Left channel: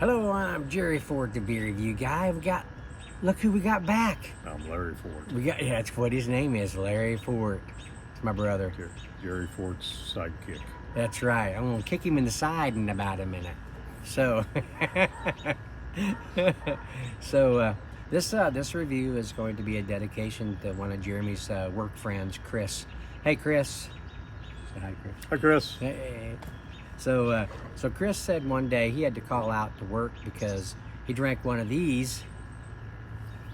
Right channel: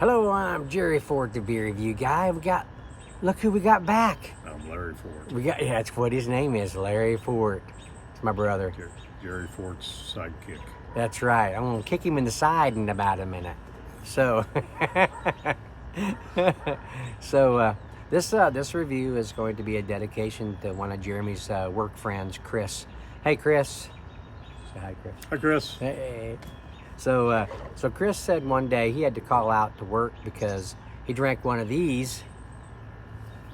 Hello, I'm Jerry Ford, the beer review guy. Look who we got back. I'm Larry Ford. Yeah, that's what his name is, Larry Ford. It's my brother. Jerry Ford's sidekick. That's right. I'm gonna kick him in the side in about a minute. So, this review is going to be a dedication to one of Jeremy's work friends, Chris. Hey, Chris. Say hi, Chris. Hi, Chris. Hey. So Chris said one day he had to call out to work because he drank one of these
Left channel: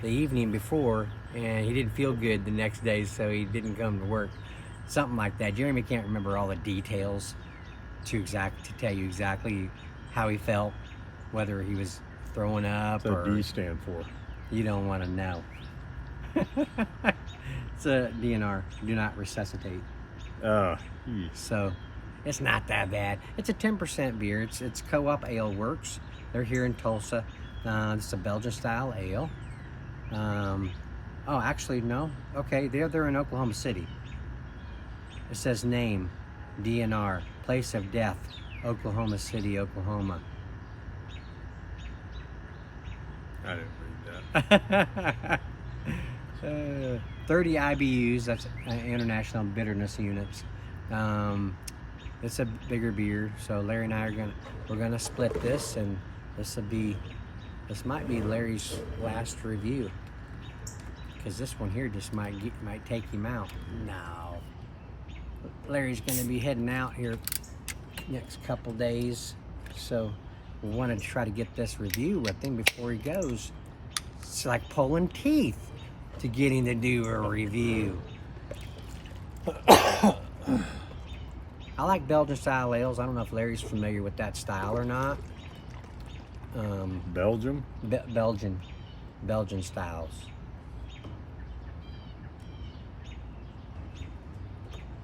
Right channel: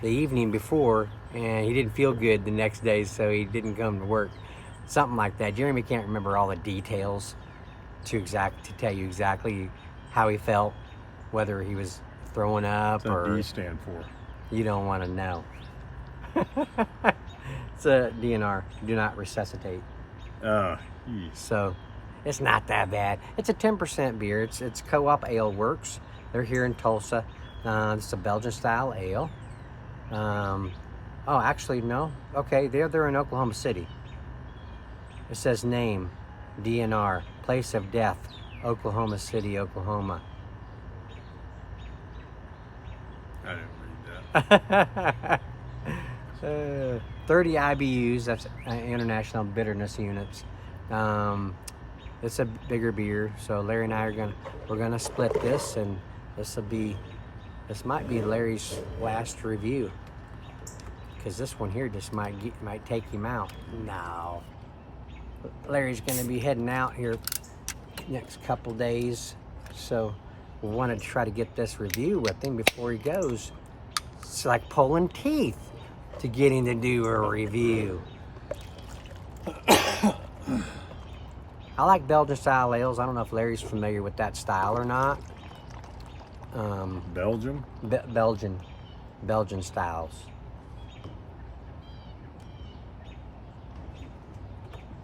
the evening before and he didn't feel good the next day, so he didn't come to work. Something like that. Jeremy can't remember all the details to tell you exactly how he felt, whether he was throwing up or... What's that D stand for? You don't want to know. It's a DNR, do not resuscitate. So it's not that bad. It's a 10% beer. It's Co-op Ale Works. They're here in Tulsa. It's a Belgian Style Ale. Oh, actually, no. Okay, they're in Oklahoma City. It says name, DNR, place of death, Oklahoma City, Oklahoma. I didn't read that. 30 IBUs, that's International Bitterness Units. It's a bigger beer, so Larry and I we're gonna split this, and this might be Larry's last review, because this one here just might take him out. No, Larry's gonna be heading out here next couple days, so we wanted to try to get this review with him before he goes. It's like pulling teeth to get him to do a review. I like Belgian style ales. I don't know if Larry's familiar with that style or not. Belgium? Belgian styles.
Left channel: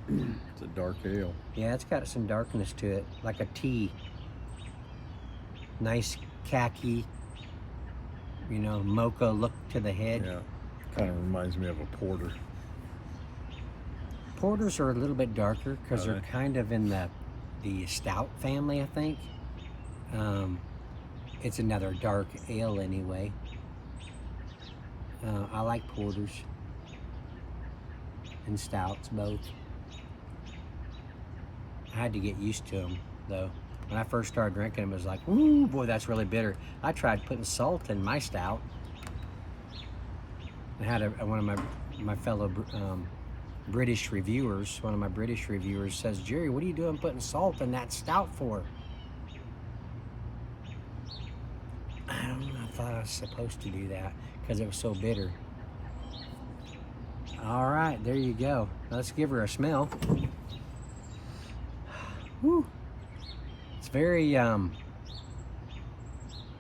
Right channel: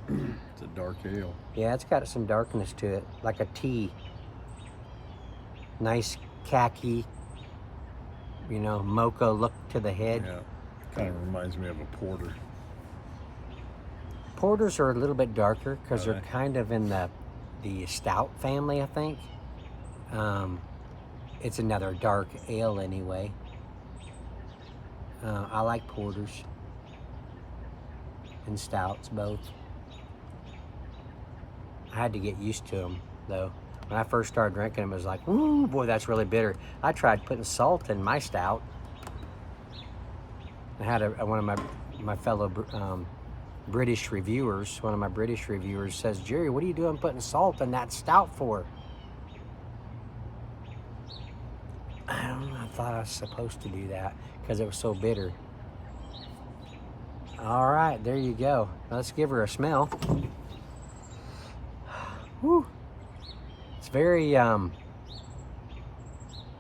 It's a dark ale. Yeah, it's got some darkness to it, like a tea. Nice khaki, mocha look to the head. Yeah, kind of reminds me of a porter. Porters are a little bit darker because they're kind of in the stout family, I think. It's another dark ale anyway. I like porters and stouts both. I had to get used to them though. When I first started drinking them, it was like, ooh, boy, that's really bitter. I tried putting salt in my stout. I had one of my fellow British reviewers, one of my British reviewers says, Jerry, what are you doing putting salt in that stout for? I don't know, I thought I was supposed to do that because it was so bitter. All right, there you go. Let's give her a smell. Whew. It's very, it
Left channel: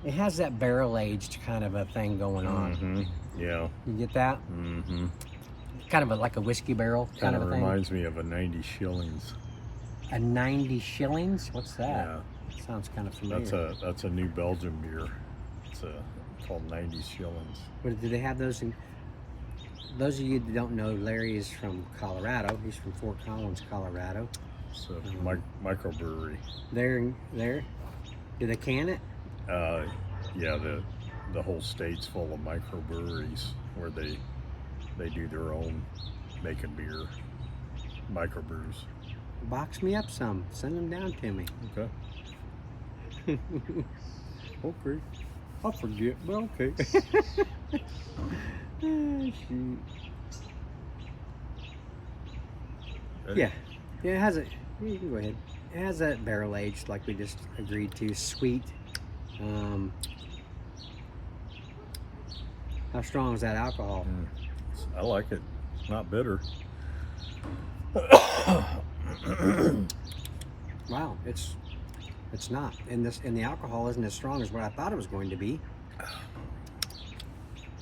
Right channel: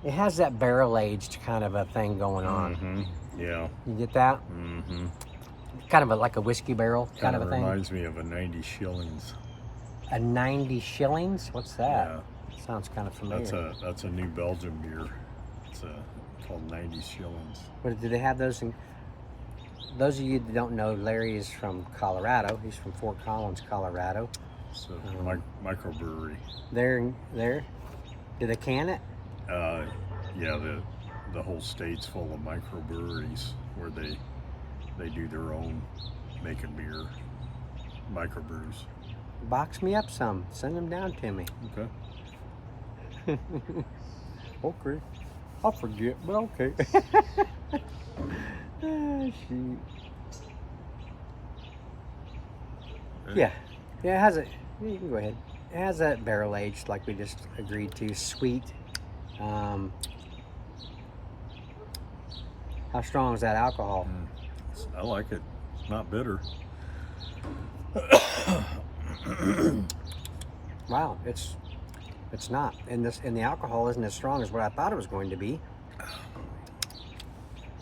has that barrel-aged kind of a thing going on. Mm-hmm. Yeah. You get that? Mm-hmm. Kind of like a whiskey barrel kind of a thing. Reminds me of a 90 shillings. A 90 shillings? What's that? Yeah. Sounds kind of familiar. That's a New Belgium beer. It's called 90 shillings. What, do they have those in? Those of you that don't know, Larry is from Colorado. He's from Fort Collins, Colorado. So microbrewery. There. Do they can it? Yeah, the whole state's full of microbreweries where they do their own making beer, microbrews. Box me up some. Send them down to me. Okay. Okay. I'll forget, but okay. Oh, shoot. Ready? Yeah, it has a. You can go ahead. It has that barrel aged, like we just agreed to. Sweet. How strong is that alcohol? I like it. It's not bitter. Wow, it's not. And the alcohol isn't as strong as what I thought it was going to be.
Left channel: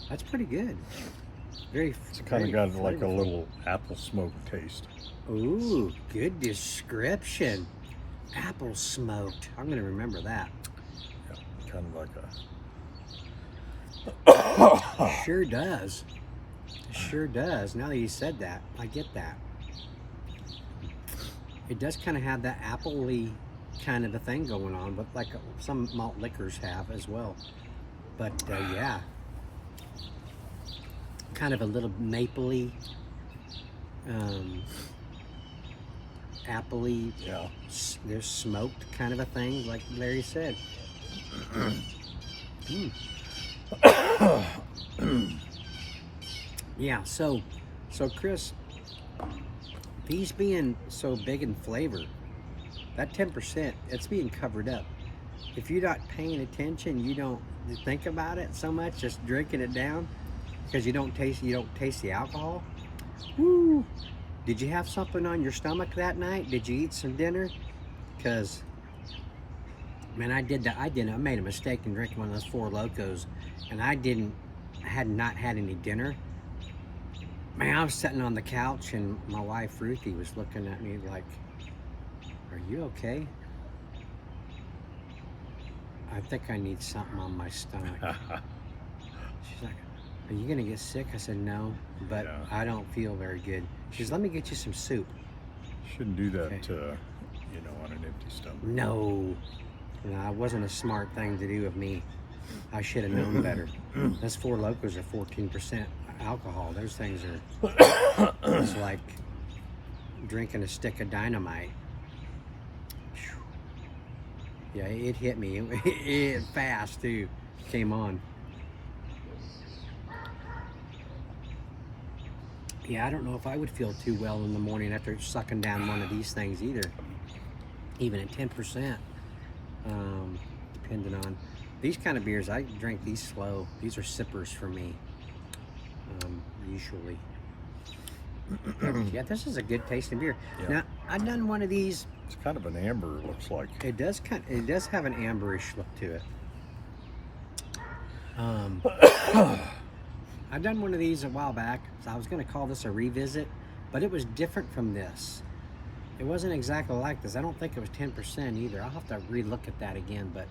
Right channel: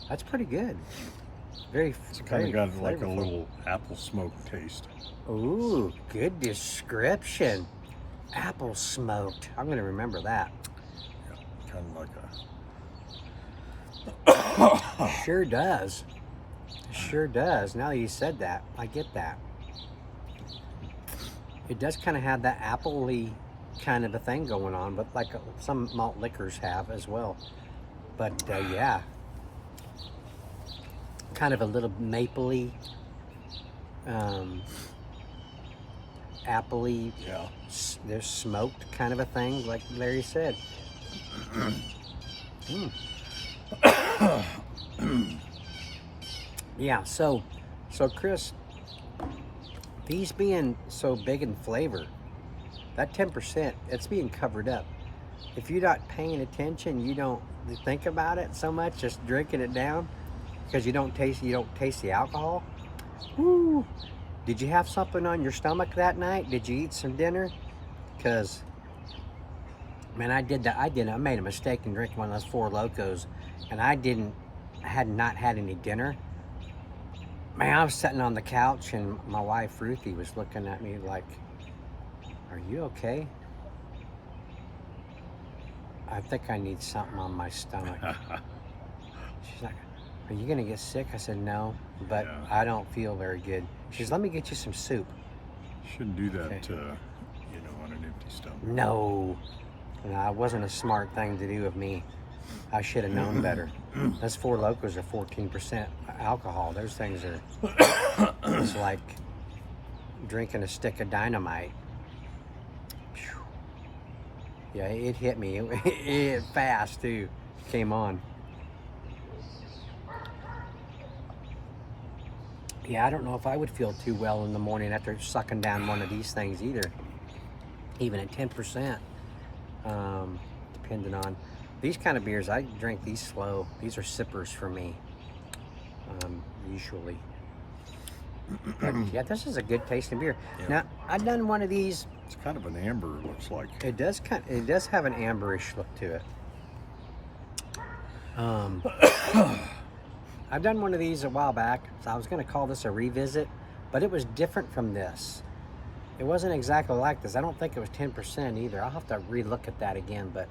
That's pretty good. It's kind of got like a little apple smoke taste. Ooh, good description. Apple smoked. I'm gonna remember that. Yeah, kind of like a. Sure does. Sure does. Now that you said that, I get that. It does kind of have that appley kind of a thing going on, but like some malt liquors have as well. But yeah, kind of a little mapley, appley. Yeah. There's smoked kind of a thing, like Larry said. Yeah. So Chris, these being so big in flavor, that 10%, it's being covered up. If you're not paying attention, you don't think about it so much, just drinking it down, because you don't taste the alcohol. Woo! Did you have something on your stomach that night? Did you eat some dinner? Because, man, I made a mistake in drinking one of those Four Locos, and I had not had any dinner. Man, I was sitting on the couch, and my wife Ruthie was looking at me like, "Are you okay?" "I think I need something on my stomach." She's like, "Are you gonna get sick?" I said, "No, but Yeah. I don't feel very good." She says, "Let me get you some soup." Shouldn't do that, Okay. on an empty stomach. No, it wasn't a smart thing to do of me. I should have known better. Those Four Locos are 14% alcohol. Those things are, it's like drinking a stick of dynamite. Yeah, it hit me. It fast too. Came on. Yeah, I don't know if I would feel too well in the morning after sucking down one of these things either. Even at 10%, depending on these kind of beers. I drink these slow. These are sippers for me, usually. Yeah, this is a good tasting beer. Yeah. Now, I've done one of these. It's kind of an amber, looks like. It does have an amberish look to it. I've done one of these a while back, so I was going to call this a revisit, but it was different from this. It wasn't exactly like this. I don't think it was 10% either. I'll have to re-look at that again, but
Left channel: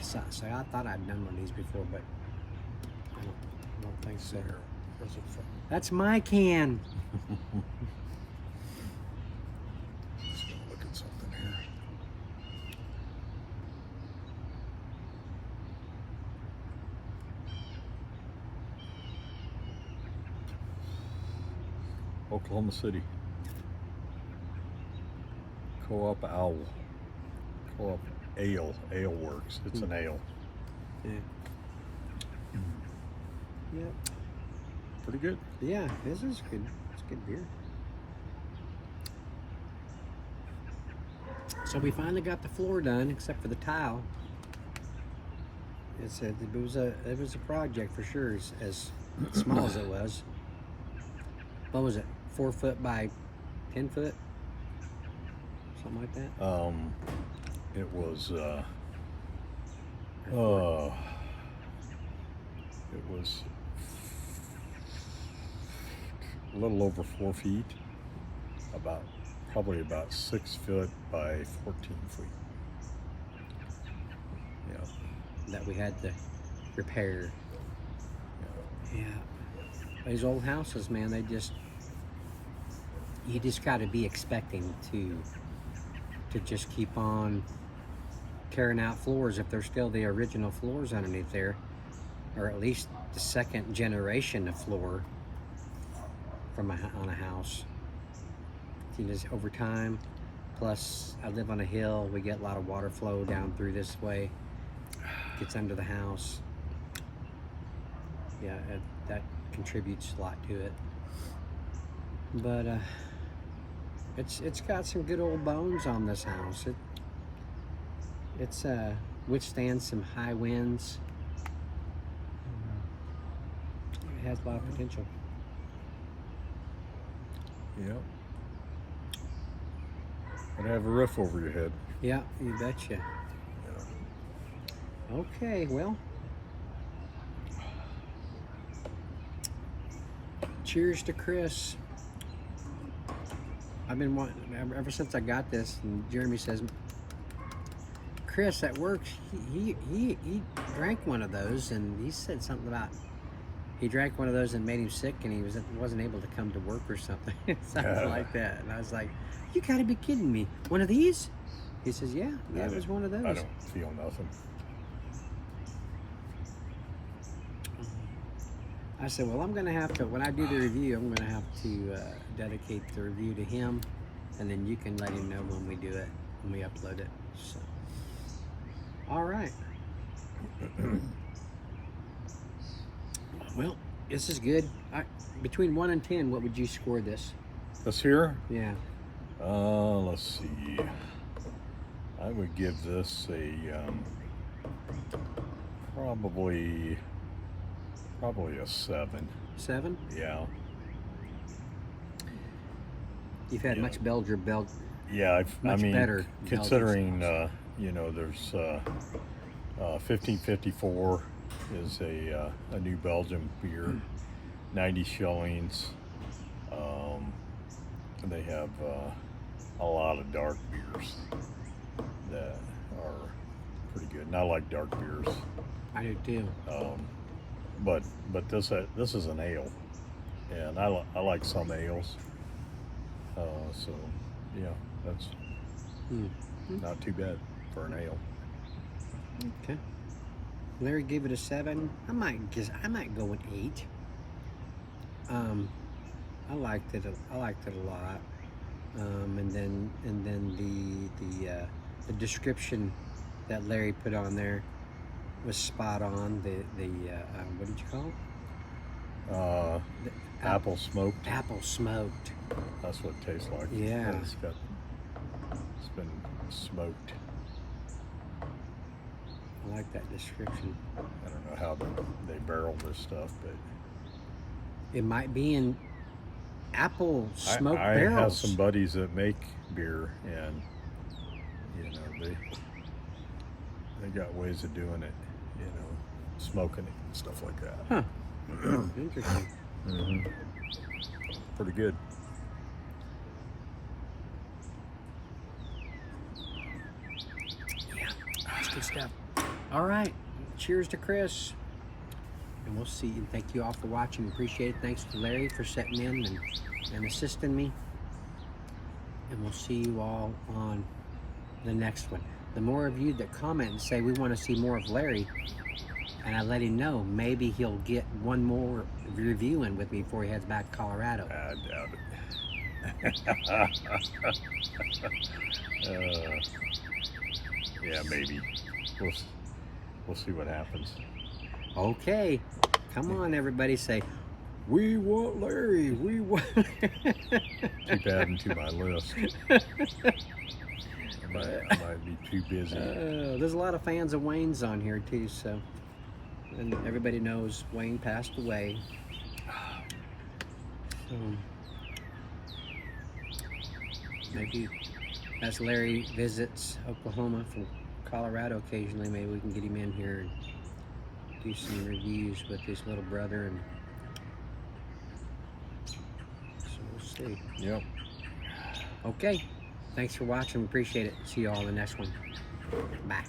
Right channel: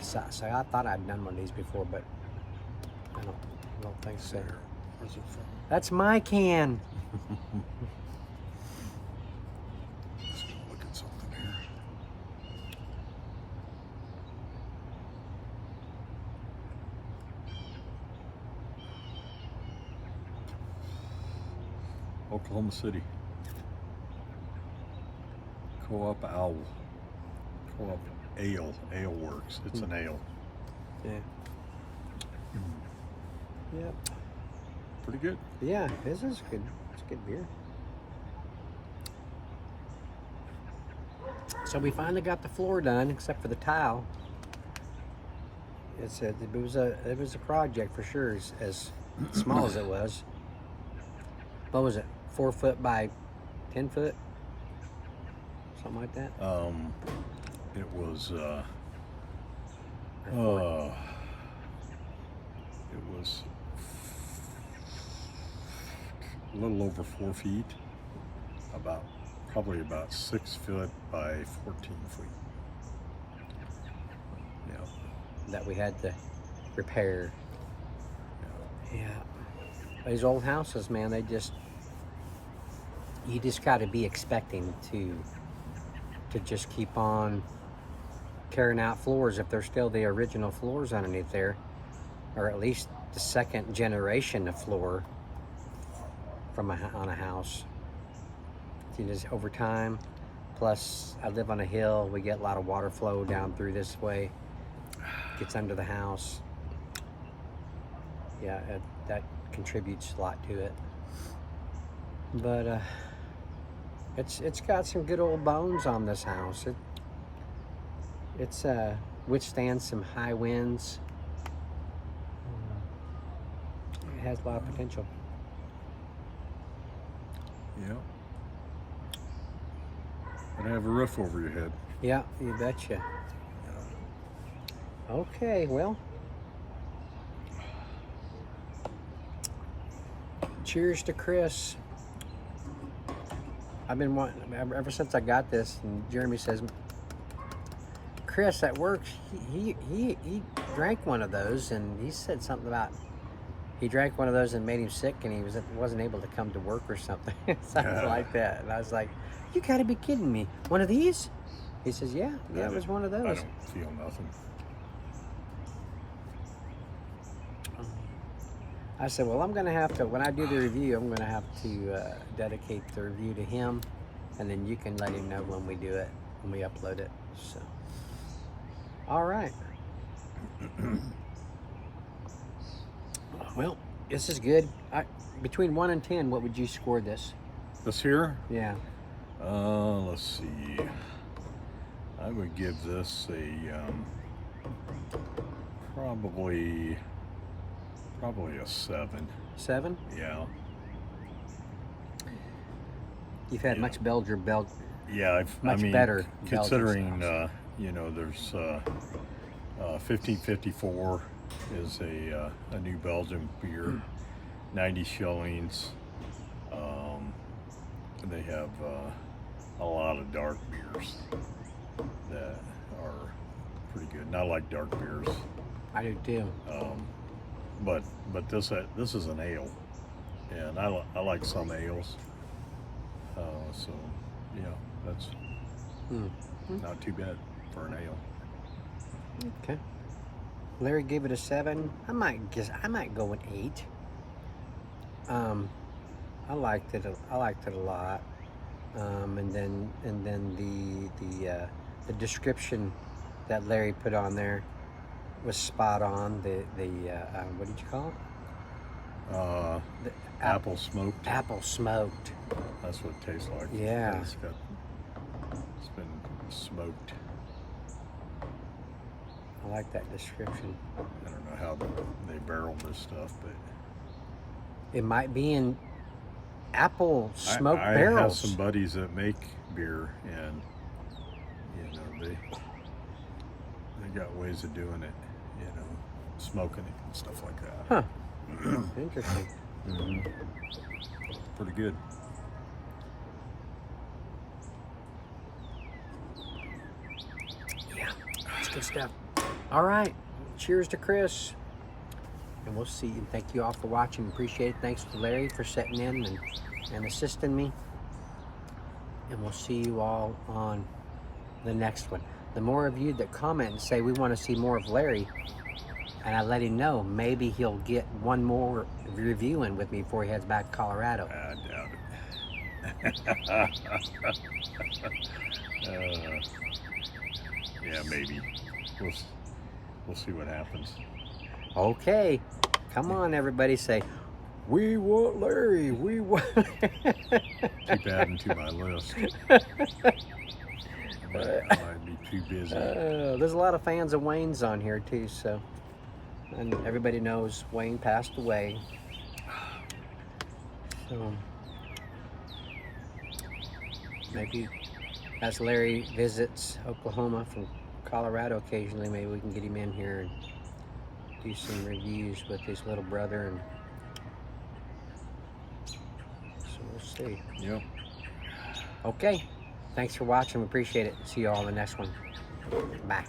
so I thought I'd done one of these before, but I don't think so. Where's it from? That's my can. Just gonna look at something here. Oklahoma City. Co-op Ale Works. It's an ale. Yeah. Yeah. Pretty good. Yeah, this is good. It's good beer. So we finally got the floor done, except for the tile. It was a project for sure, as small as it was. What was it? 4 foot by 10 foot, something like that. It was a little over 4 feet, probably about 6 foot by 14 feet. Yeah. That we had to repair. Yeah. Yeah. These old houses, man, you just got to be expecting to just keep on tearing out floors if they're still the original floors underneath there, or at least the second generation of floor on a house. You just over time. Plus, I live on a hill. We get a lot of water flow down through this way. Gets under the house. Yeah, that contributes a lot to it. But it's got some good old bones on this house. It's withstands some high winds. It has a lot of potential. Yeah. And have a roof over your head. Yeah, you betcha. Yeah. Okay, well. Cheers to Chris. I've been wanting, ever since I got this, and Jeremy says, Chris at work, he drank one of those, and he said something about he drank one of those and made him sick, and he wasn't able to come to work or something. Something like that. And I was like, you gotta be kidding me. One of these? He says, yeah, that was one of those. I don't feel nothing. I said, well, I'm going to have to, when I do the review, I'm going to have to dedicate the review to him, and then you can let him know when we do it, when we upload it. So, all right. Well, this is good. Between 1 and 10, what would you score this? This here? Yeah. Let's see. I would give this a probably a 7. 7? Yeah. You've had much Yeah, I mean, better considering you know, there's 1554 is a new Belgian beer, 90 shillings. They have a lot of dark beers that are pretty good. And I like dark beers. I do too. But this is an ale, and I like some ales. So yeah, that's not too bad for an ale. Okay. Larry gave it a 7. I might go with 8. I liked it a lot. And then the description that Larry put on there was spot on. What did you call it? Apple smoked. Apple smoked. That's what it tastes like. Yeah. It's been smoked. I like that description. I don't know how they barrel this stuff, but it might be in apple smoked I barrels. have some buddies that make beer, and you know they got ways of doing it. You know, smoking it and stuff like that. Huh. Interesting. Mm-hmm. Pretty good. Yeah, that's good stuff. All right. Cheers to Chris. And we'll see. And thank you all for watching. Appreciate it. Thanks to Larry for setting in and assisting me. And we'll see you all on the next one. The more of you that comment and say we want to see more of Larry, and I let him know, maybe he'll get one more review in with me before he heads back to Colorado. I doubt it. Yeah, maybe. We'll see what happens. Okay. Come on, everybody. Say, we want Larry. We want... Keep adding to my list. I might be too busy. There's a lot of fans of Wayne's on here, too, so... And everybody knows Wayne passed away. So, maybe as Larry visits Oklahoma from Colorado occasionally, maybe we can get him in here and do some reviews with his little brother. And so we'll see. Yep. Okay. Thanks for watching. We appreciate it. See you all in the next one. Bye.